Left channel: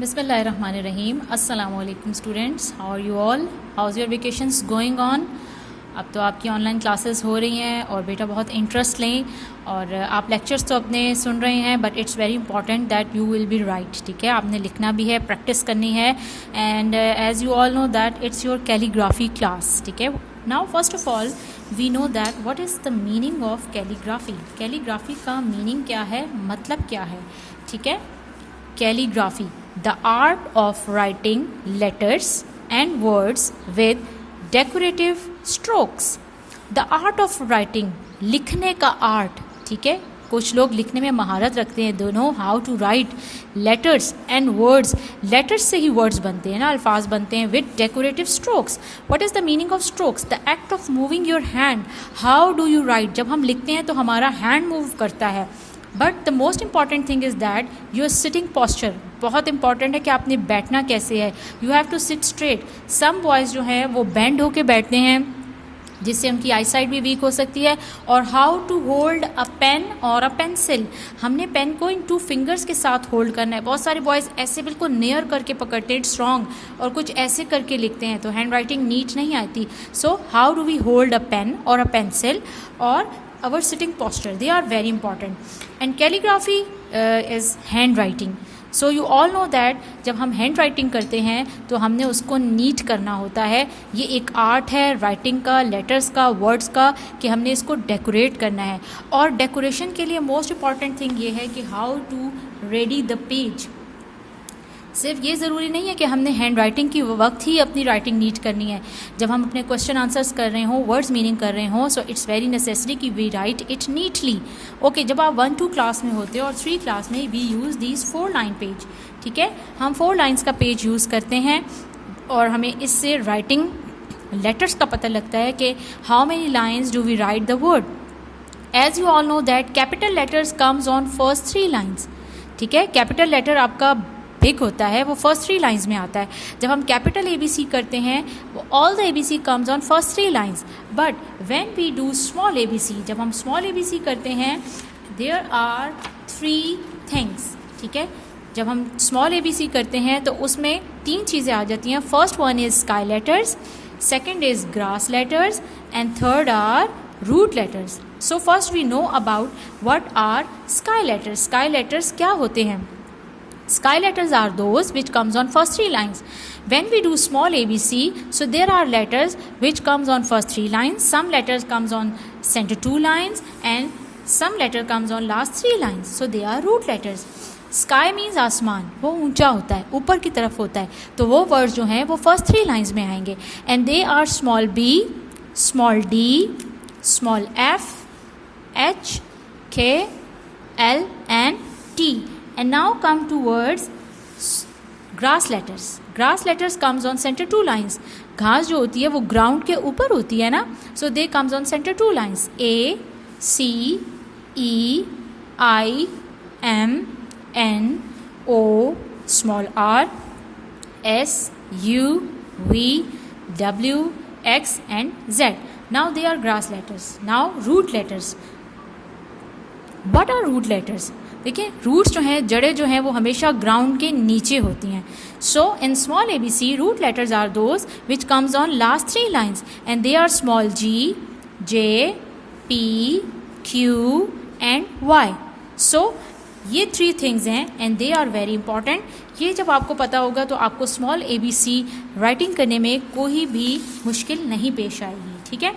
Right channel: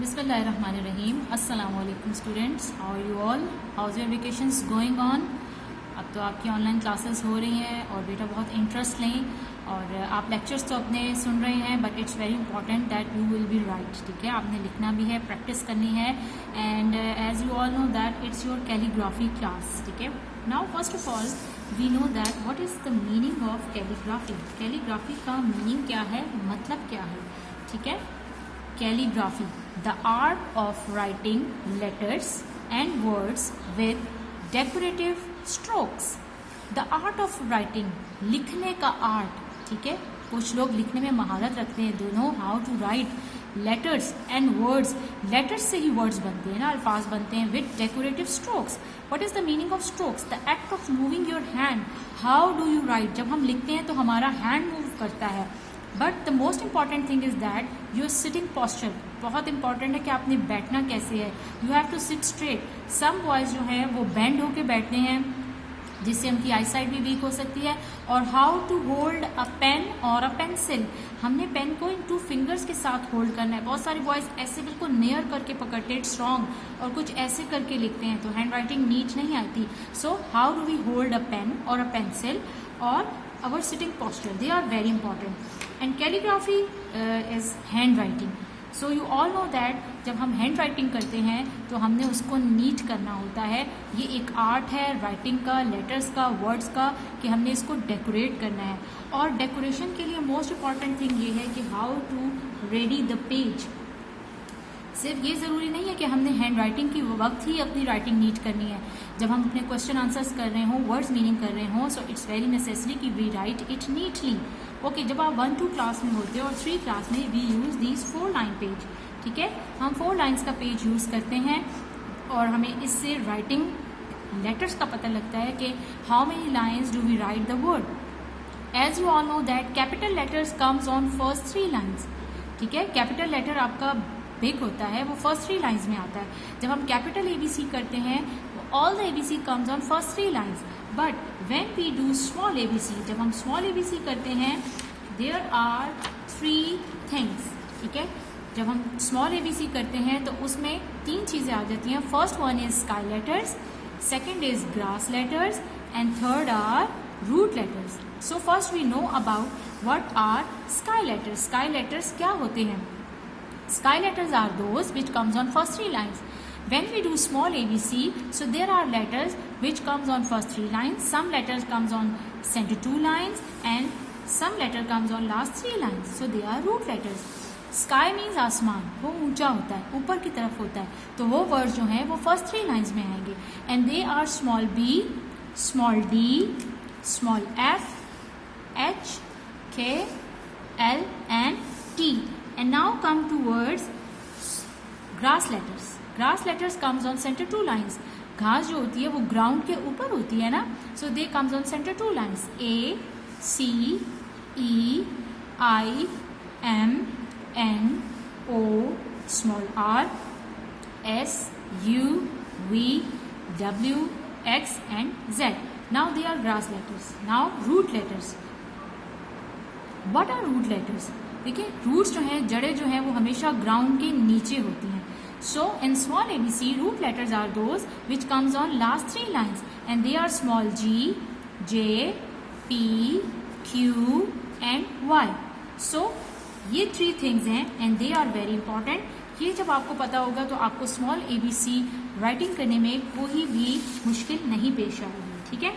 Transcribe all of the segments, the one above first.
बिस्मिल्लाहिर्रहमानिर्रहीम। अस्सलामु अलैकुम students, how are you all? How's your vacations going on? अब तो आपकी ऑनलाइन क्लासेस हो रही हैं और बेटा बहुत इंटरेस्ट लें। और आप लेक्चर्स तो अपने सुन रहे हैं, but it's very important that you will be write. ठीक है, आपने लिखना भी है, प्रैक्टिस करनी है। And as you all know that it's your calligraphy class. ठीक है, now first of all we know that what is the meaning of calligraphy. Calligraphy का मीनिंग क्या है, मतलब क्या है? ठीक है, calligraphy, the art of writing letters and words with decorative strokes. The art of writing, लिखने का आर्ट। ठीक है, कुछ लोग लिखने में महारत रखते हैं, दो know how to write letters and words. Letters से ही वर्ड्स बनते हैं ना, अल्फाज बनते हैं। With decorative strokes, what is the meaning of strokes? The act of moving your hand. How do you write? जब हम लिखते हैं तो हमारा हैंड मूव करता है। But the most important thing is that your sitting posture. बहुत important है कि आपने बैठना कैसे है। You have to sit straight. Some boys जो हैं वो बेंड होके बैठते हैं, जिससे उनकी आई साइड भी वीक हो सकती है। और how to hold a pen और अ पेंसिल, हमने पेन को इन 2 फिंगर्स के साथ होल्ड करना है। बहुत सारे बॉयज़ ऐसे बिल्कुल नियर करके पकड़ते हैं, इट्स रॉन्ग, और कुछ ऐसे करके लिखते हैं तो हैंड राइटिंग नीट नहीं आती। So how do we hold a pen और अ पेंसिल और our sitting posture, they are very important. And calligraphy is hand writing. So you all know that जब हम हैंड राइटिंग करते हैं तो हमने उसको नीट करना होता है। ये एक आर्ट है राइटिंग का, लेटर्स का, वर्ड्स का, कि हमने इसको डेकोरेट करना है। और डेकोरेशन के लिए मोस्ट इम्पॉर्टेंट थिंग ये है कि how to ready the page. सिर्फ ये ज़रूरी नहीं है कि हमने हैंड राइटिंग की वक्त ही अपनी राइटिंग नीट करनी है। जब हम अपने क्वेश्चन आंसर्स कर रहे हों, वर्ड्स मीनिंग कर रहे हों, सो इट्स वेरी नेसेसरी कि we write it neatly. Okay, जब आप 1-2 क्लास में होते हो और 3 क्लास में we use these 4 line page. ठीक है, हम 4 लाइन्स का पेज यूज़ करते हैं और हमें इससे राइटिंग लेटर्स का पता लगता है कि how many lines do we write the word. As you all know that capital letters comes on first 3 lines. ठीक है, कैपिटल लेटर आपका बिग होता है, वो फर्स्ट 3 लाइन्स में आता है। जब हम कैपिटल ABC करते हैं, all the ABC comes on first 3 lines. But when we do small ABC, जब हम स्मॉल ABC करते हैं, देयर आर 3 थिंग्स। ठीक है, जब हम स्मॉल ABC करते हैं तो उसमें 3 चीज़ें आ जाती हैं। First one is sky letters, second is grass letters, and third are root letters. So first we know about what are sky letters. Sky letters क्या होते हैं? Sky letters are those which comes on first 3 lines. When we do small ABC, so there are letters which comes on first 3 lines. Some letters comes on center 2 lines and some letter comes on last 3 lines. So they are root letters. Sky means आसमान, वो ऊंचा होता है, ऊपर की तरफ होता है, तो वो वर्ड्स जो हैं वो फर्स्ट 3 लाइन्स में आएंगे। And they are small b, small d, small f, h, k, l and t. And now come to words grass letters. Grass letters comes on center 2 lines. घास जो होती है वो ग्राउंड के ऊपर होती है ना, so they comes on center 2 lines. A, C, E, I, M, N, O, small r, S, U, V, W, X and Z. Now they are grass letters. Now root letters. What are root letters? देखिए, roots जो हैं, जड़ें जो हैं, वो हमेशा ground के नीचे होती हैं। So in small ABC, root letters are those which comes on last 3 lines and they are small g, j, p, q and y. So ये 3 थिंग्स हैं and they are very important. ये जब आपको पता होगा तो आपको स्मॉल ABC राइटिंग करने में कोई भी मुश्किल नहीं पेश आएगी। ठीक है,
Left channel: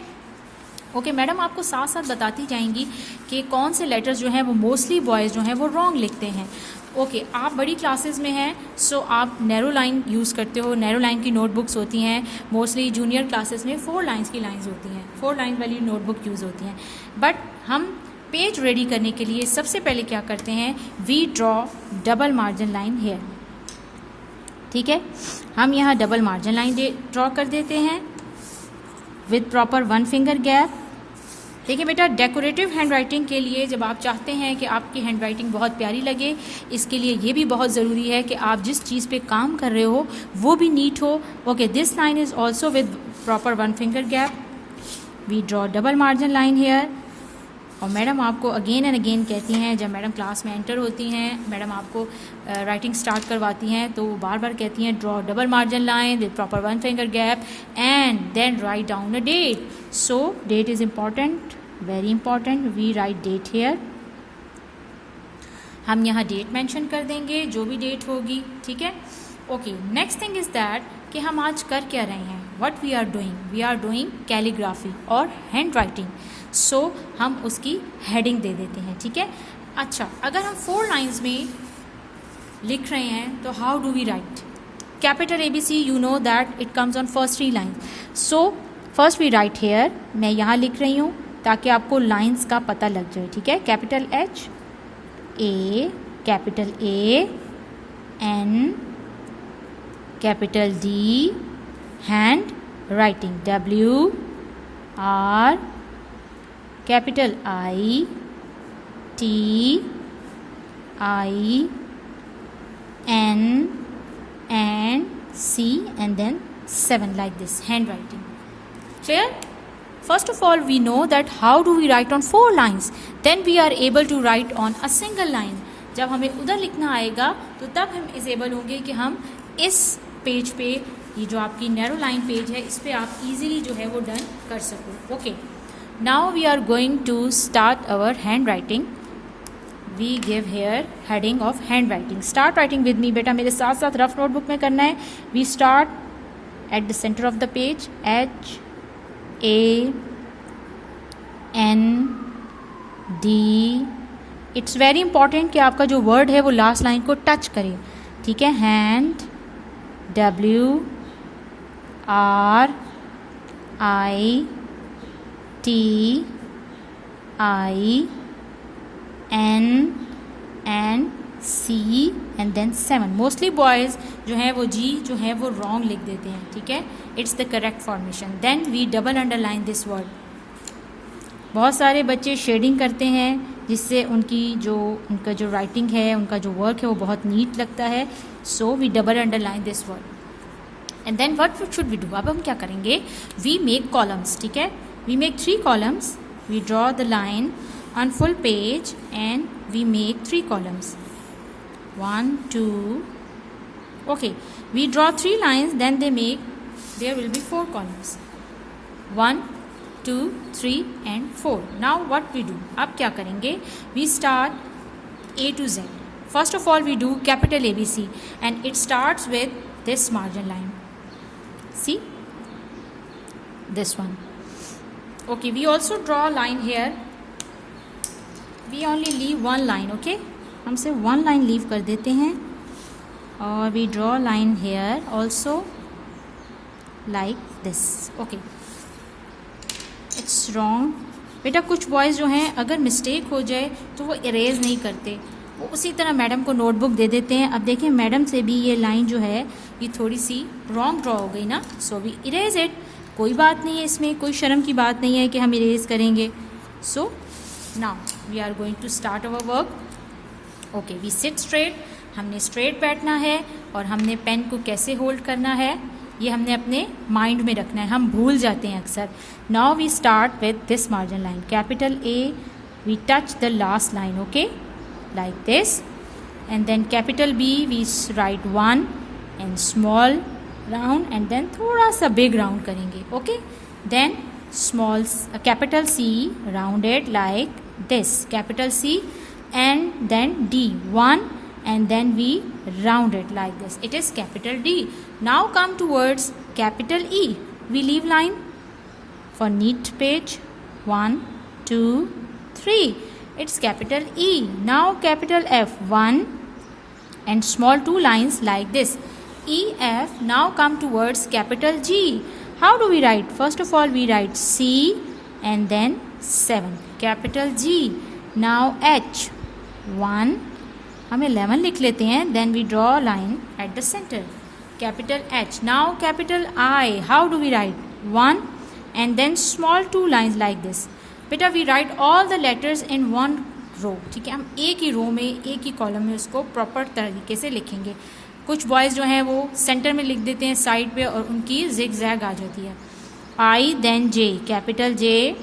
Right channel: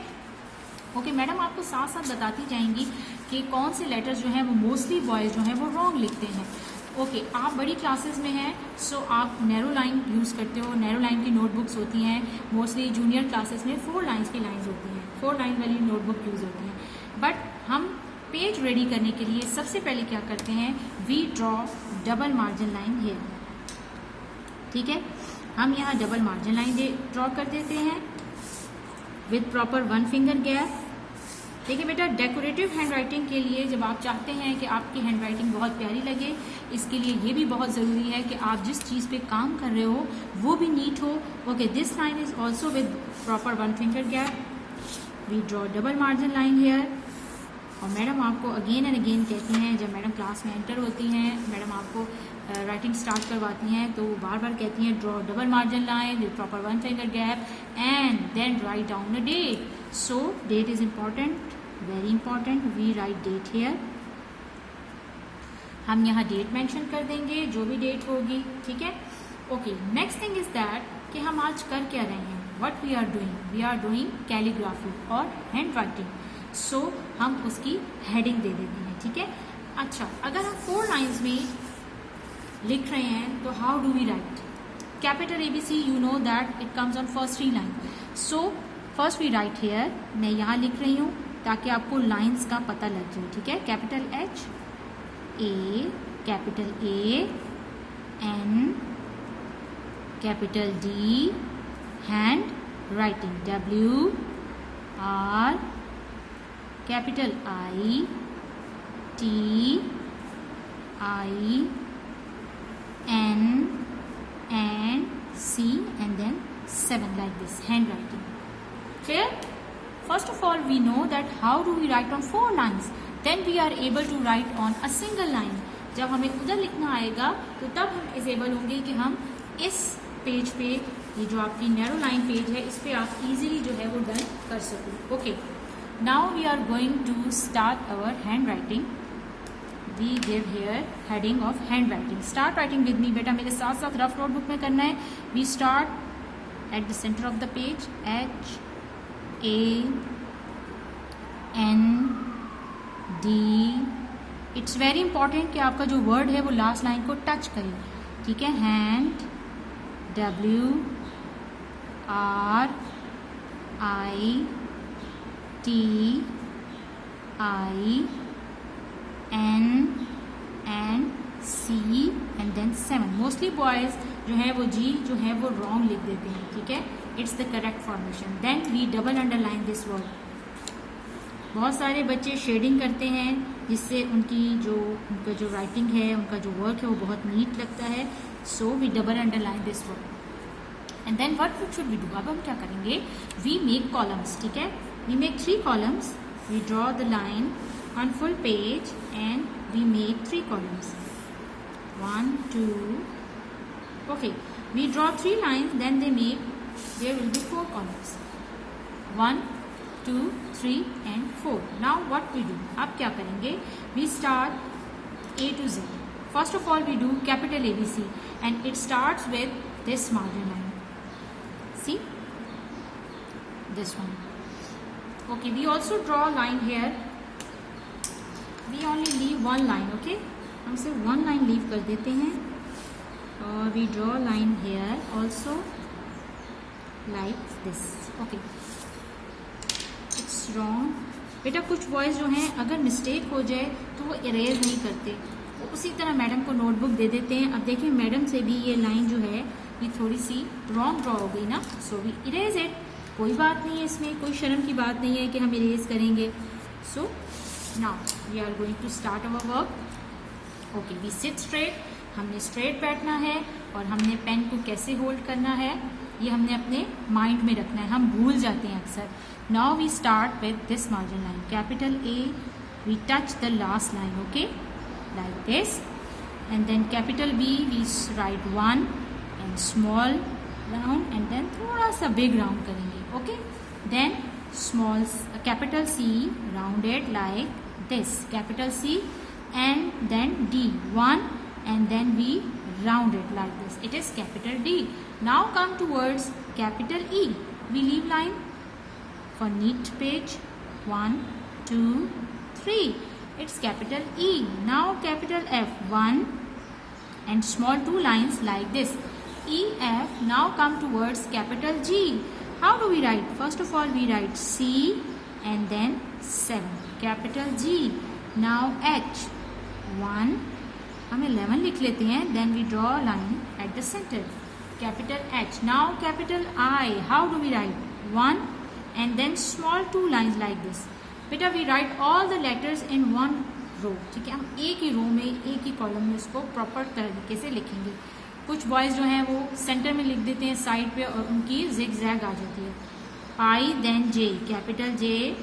ओके मैडम, आपको साथ साथ बताती जाएंगी कि कौन से लेटर्स जो हैं वो मोस्टली बॉयज़ जो हैं वो रॉन्ग लिखते हैं। ओके, आप बड़ी क्लासेस में हैं, सो आप नैरो लाइन यूज़ करते हो। नैरो लाइन की नोटबुक्स होती हैं, मोस्टली जूनियर क्लासेस में 4 लाइन्स की लाइन्स होती हैं, 4 लाइन वाली नोटबुक यूज़ होती हैं। बट हम पेज रेडी करने के लिए सबसे पहले क्या करते हैं, we draw double margin line here. ठीक है, हम यहाँ डबल मार्जिन लाइन ड्रॉ कर देते हैं विद प्रॉपर 1 फिंगर गैप। देखिए बेटा, डेकोरेटिव हैंड राइटिंग के लिए जब आप चाहते हैं कि आपकी हैंड राइटिंग बहुत प्यारी लगे, इसके लिए ये भी बहुत ज़रूरी है कि आप जिस चीज़ पे काम कर रहे हो वो भी नीट हो। Okay, this line is also with proper 1 finger gap. We draw double margin line here और मैडम आपको अगेन एंड अगेन कहती हैं, जब मैडम क्लास में एंटर होती हैं, मैडम आपको राइटिंग स्टार्ट करवाती हैं तो वो बार बार कहती हैं draw double margin line with proper 1 finger gap and then write down the date. So date is important, very important. We write date here. हम यहाँ डेट मेंशन कर देंगे, जो भी डेट होगी, ठीक है. Okay, next thing is that कि हम आज कर क्या रहे हैं. What we are doing calligraphy और हैंड राइटिंग. सो हम उसकी हेडिंग दे देते हैं, ठीक है. अच्छा, अगर हम 4 लाइन्स में लिख रहे हैं तो how do we write. Capital ABC, you know that it comes on first 3 lines. So first we write here. मैं यहाँ लिख रही हूँ ताकि आपको लाइन्स का पता लग जाए, ठीक है. Capital H A, capital A N, capital D, hand writing W R, capital I T I N and C and then 7 like this, handwriting. Clear? First of all, we know that how do we write on 4 lines. Then we are able to write on a single line. जब हमें उधर लिखना आएगा तो तब हम इस able होंगे कि हम इस पेज पे, ये जो आपकी नैरो लाइन पेज है, इस पे आप इजीली जो है वो डन कर सको. Okay, now we are going to start our hand writing. We give here heading of hand writing. Start writing with me. बेटा मेरे साथ साथ रफ नोटबुक में करना है. We start at the centre of the page. H A N D. It's very important कि आपका जो वर्ड है वो लास्ट लाइन को टच करे, ठीक है. Hand W R I T I N and C and then 7. Mostly boys जो हैं वो G जो है वो रॉन्ग लिख देते हैं, ठीक है. It's the correct formation. Then we double underline this word. बहुत सारे बच्चे शेडिंग करते हैं जिससे उनका जो राइटिंग है, उनका जो वर्क है वो बहुत नीट लगता है. So we double underline this word and then what should we do. अब हम क्या करेंगे, वी मेक कॉलम्स, ठीक है. We make 3 columns. We draw the line on full page and we make 3 columns. 1 2. Okay, we draw 3 lines, then there will be 4 columns. 1 2 3 and 4. Now what we do, अब क्या करेंगे, we start A to Z. First of all we do capital ABC and it starts with this margin line. See this one. Okay, we also draw a line here. We only leave 1 line. Okay, हम सिर्फ 1 line leave कर देते हैं और we draw line here also like this. Okay, it's wrong. बेटा कुछ boys जो हैं अगर मिस्टेक हो जाए तो वो इरेज नहीं करते, वो उसी तरह मैडम को नोटबुक दे देते हैं. अब देखिए मैडम से भी ये लाइन जो है ये थोड़ी सी रॉन्ग ड्रॉ हो गई ना, सो वी इरेज इट. कोई बात नहीं है, इसमें कोई शर्म की बात नहीं है कि हम इरेज करेंगे. सो now we are going to start our work. Okay, we sit straight. हमने स्ट्रेट बैठना है और हमने पेन को कैसे होल्ड करना है ये हमने अपने माइंड में रखना है, हम भूल जाते हैं अक्सर. Now we start with this margin line. Capital A, we touch the last line. Okay, like this. And then capital B, we write 1 and small round and then थोड़ा सा बिग राउंड करेंगे. Okay, then small capital C rounded like this, capital C and then D, 1 and then we round it like this, it is capital D. Now come towards capital E. We leave line for neat page. 1 2 3, it's capital E. Now capital F, 1 and small 2 lines like this, E F. Now come towards capital G. How do we write? First of all we write C and then 7, capital G. Now H, 1, हम 11 लिख लेते हैं. Then we draw a line at the center, capital H. Now capital I. How do we write? 1 and then small 2 lines like this. बेटा we write all the letters in one row, ठीक है. हम एक ही रो में, एक ही column में उसको proper तरीके से लिखेंगे. कुछ बॉयज़ जो हैं वो सेंटर में लिख देते हैं साइड पे और उनकी जिग जैग आ जाती है. I then J, capital J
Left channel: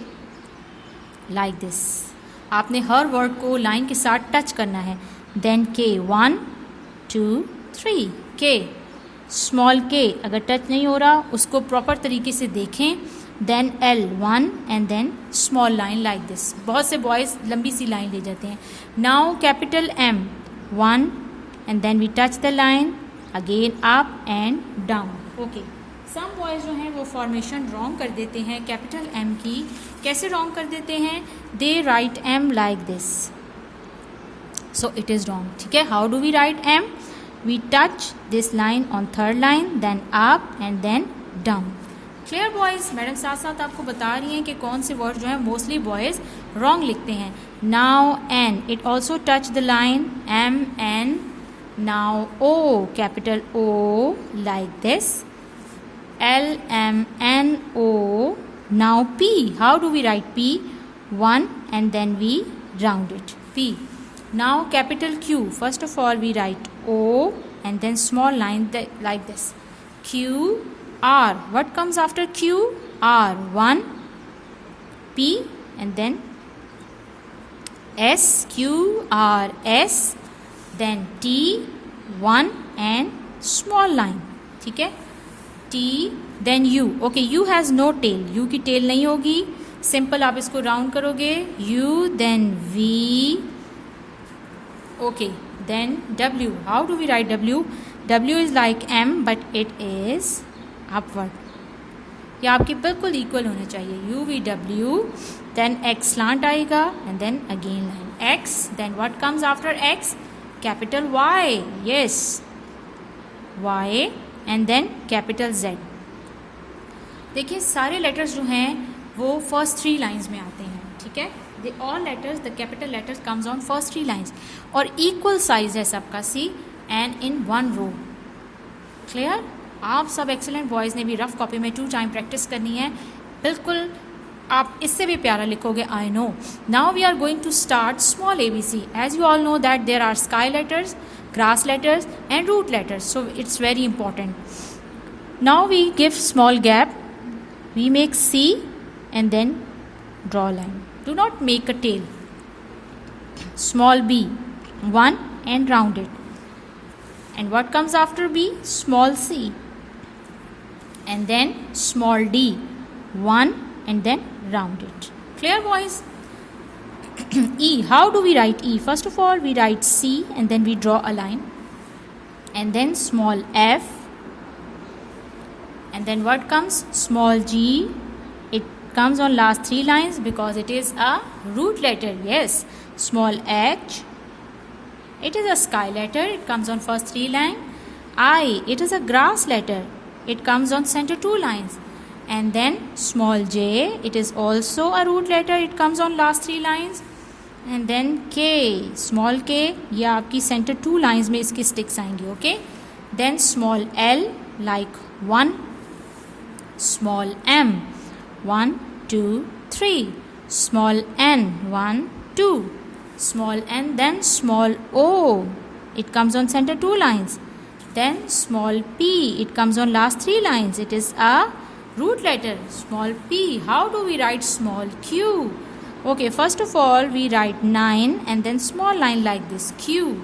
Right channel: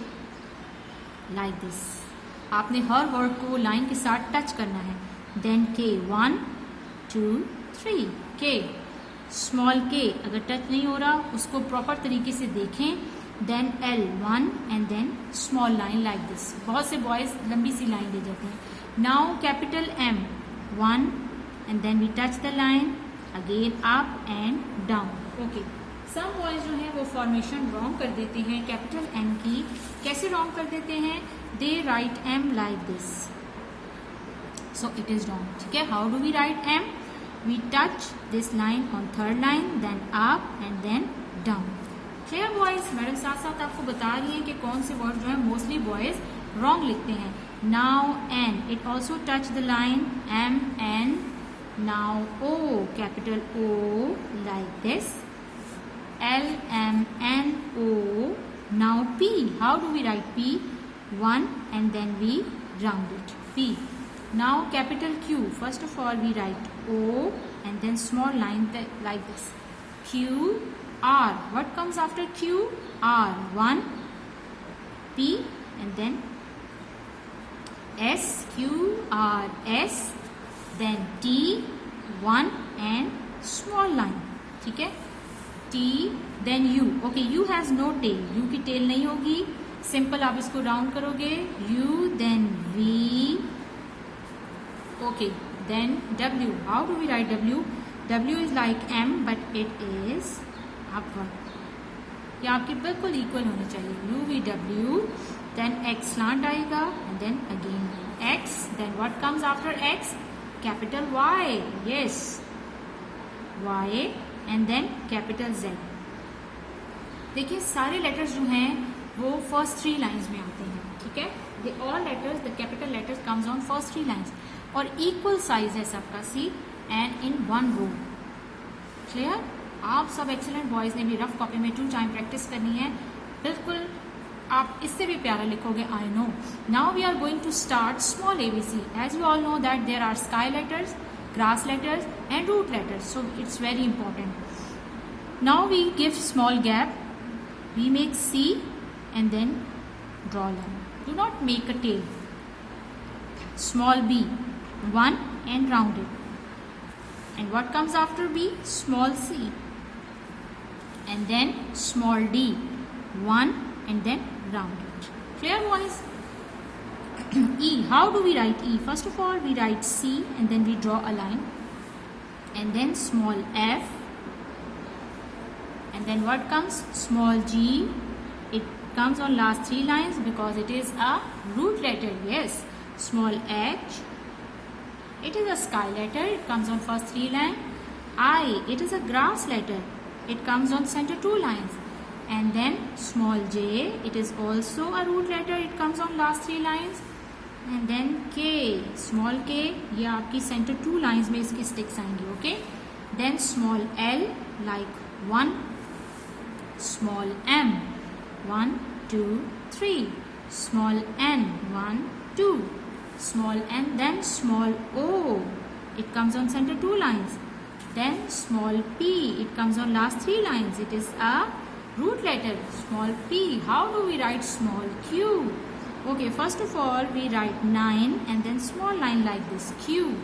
like this. आपने हर वर्ड को लाइन के साथ टच करना है. देन के 1 2 3 के. स्मॉल के अगर टच नहीं हो रहा उसको प्रॉपर तरीके से देखें. Then L 1 and then small line like this. बहुत से बॉयज़ लंबी सी लाइन ले जाते हैं. Now capital M 1 and then we touch the line again up and down. Okay, some boys जो हैं वो फॉर्मेशन रॉन्ग कर देते हैं कैपिटल एम की. कैसे रॉन्ग कर देते हैं? They write M like this, so it is wrong. ठीक है, how do we write M? We touch this line on third line, then up and then down. Clear boys? Madam साथ साथ आपको बता रही हैं कि कौन से वर्ड जो है मोस्टली बॉयज़ रॉन्ग लिखते हैं. Now N, it also touch the line M N. Now O, capital O like this, L M N O. Now P, how do we write P? 1 and then we round it, P. Now capital Q, first of all we write O and then small line like this, Q R. What comes after Q? R. 1 P and then S, Q R S, then T 1 and small line. ठीक है, T, then U. Okay, U has no tail. U की tail नहीं होगी. Simple आप इसको round करोगे. U, then V. Okay, then W. How do we write W? W is like M but it is upward. ये आपके बिल्कुल equal होने चाहिए. U V W, then X slant आएगा and then again X. Then what comes after X? Capital Y. Yes, Y. And then capital Z. देखिए सारे letters जो हैं वो फर्स्ट 3 लाइंस में आते हैं. ठीक है, they all letters, the capital letters comes on first 3 lines और इक्वल साइज है सबका C and in 1 row. Clear? आप सब एक्सीलेंट बॉयज़ ने भी रफ कॉपी में 2 टाइम प्रैक्टिस करनी है. बिल्कुल आप इससे भी प्यारा लिखोगे. I know. Now we are going to start small ABC. As you all know that there are sky letters, grass letters and root letters, so it's very important. Now we give small gap, we make C and then draw line. Do not make a tail. Small b 1 and round it, and what comes after b? Small c and then small d 1 and then round it. Clear boys? E, how do we write E? First of all we write C and then we draw a line and then small f and then what comes? Small g. It comes on last 3 lines because it is a root letter. Yes, small h, it is a sky letter, it comes on first 3 lines. I, it is a grass letter, it comes on center 2 lines. And then small j, it is also a root letter, it comes on last 3 lines. And then k, small k, ये आपकी center 2 lines में इसकी sticks आएंगी. Okay, then small l like 1, small m 1 2 3, small n 1 2, small n, then small o, it comes on center 2 lines. Then small p, it comes on last 3 lines, it is a root letter, small p. How do we write small q? Okay, first of all we write 9 and then small line like this, Q,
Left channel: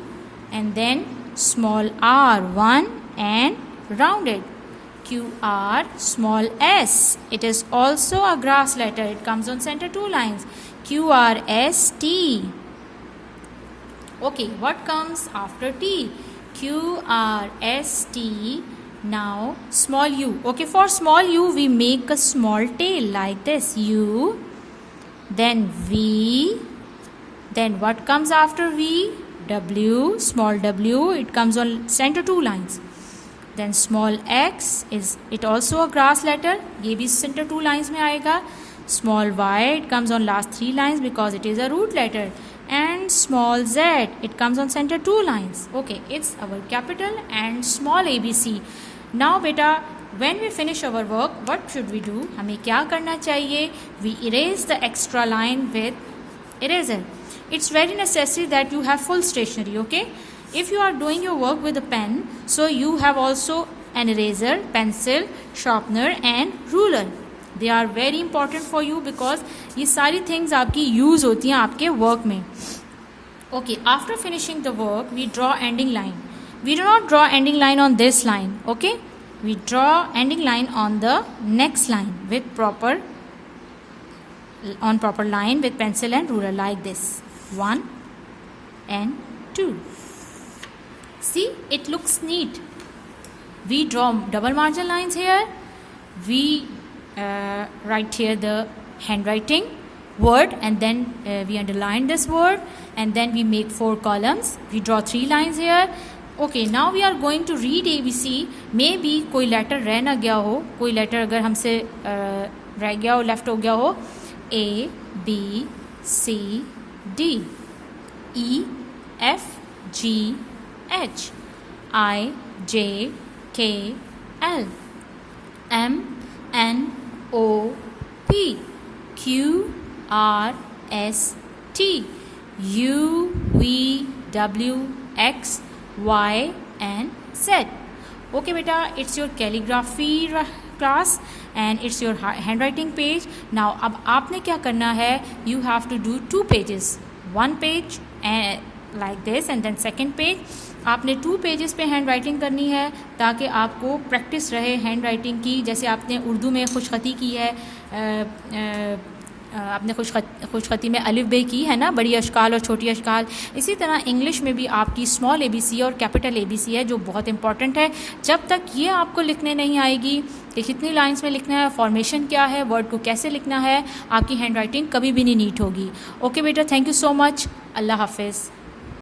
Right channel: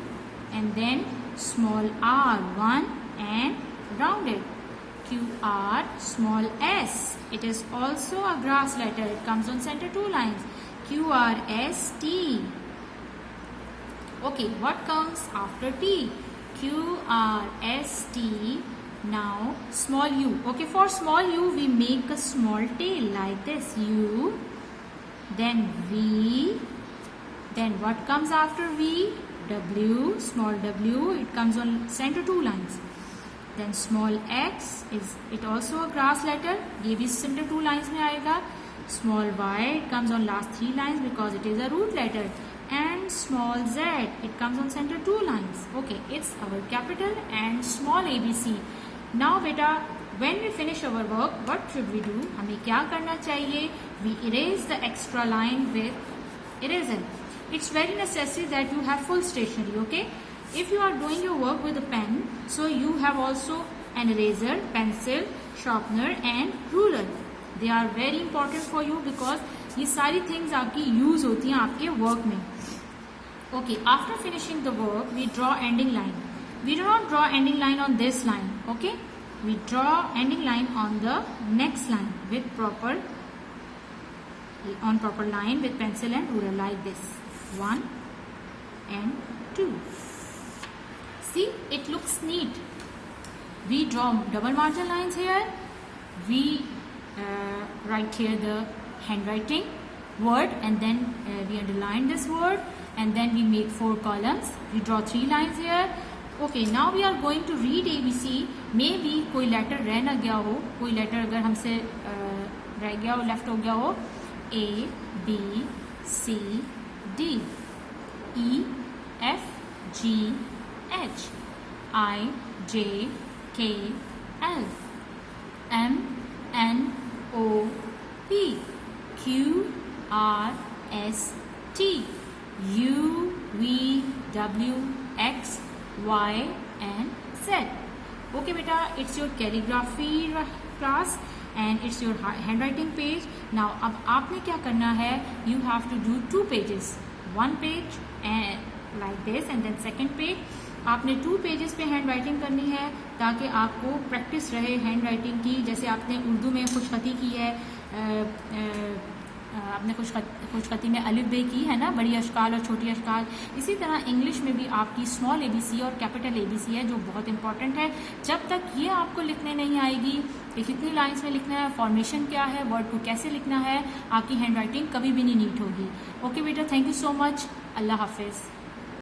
and then small r 1 and round it, Q R. Small s, it is also a grass letter, it comes on center 2 lines, Q R S T. Okay, what comes after T? Q R S T. Now small u. Okay, for small u we make a small tail like this, U, then V, then what comes after V? W, small w, it comes on center 2 lines. Then small x, is it also a grass letter, ये भी center 2 lines में आएगा. Small y, it comes on last 3 lines because it is a root letter. And small z, it comes on center 2 lines. Okay, it's our capital and small ABC. Now beta, when we finish our work, what should we do? हमें क्या करना चाहिए? We erase the extra line with eraser. It's very necessary that you have full stationery. Okay, if you are doing your work with a pen, so you have also an eraser, pencil, sharpener and ruler. They are very important for you because ये सारी things आपकी use होती हैं आपके work में. Okay, after finishing the work, we draw ending line. We do not draw ending line on this line, okay? We draw ending line on the next line with proper line with pencil and ruler like this. 1 and 2. See, it looks neat. We draw double margin lines here. We write here the handwriting word and then we underline this word and then we make 4 columns. We draw 3 lines here. Okay, now we are going to read ABC. Maybe कोई letter रह ना गया हो, कोई letter अगर हमसे रह गया हो, लेफ्ट हो गया हो. A B C D E F G H I J K L M N O P Q R S T U V W X Y and Z. Okay beta, it's your calligraphy class and it's your handwriting page. Now अब आपने क्या करना है, you have to do 2 pages. 1 page and like this and then second page. आपने 2 pages पे hand writing करनी है ताकि आपको प्रैक्टिस रहे हैंड राइटिंग की. जैसे आपने उर्दू में खुशखती की है, आपने खुशखती में अलिफ बे की है ना, बड़ी अशकाल और छोटी अशकाल. इसी तरह इंग्लिश में भी आपकी स्मॉल ABC और कैपिटल ABC है जो बहुत इंपॉर्टेंट है. जब तक ये आपको लिखने नहीं आएगी कि कितनी लाइंस में लिखना है, फॉर्मेशन क्या है, वर्ड को कैसे लिखना है, आपकी हैंड राइटिंग कभी भी नहीं नीट होगी. ओके बेटा, थैंक यू सो मच. अल्लाह हाफिज़.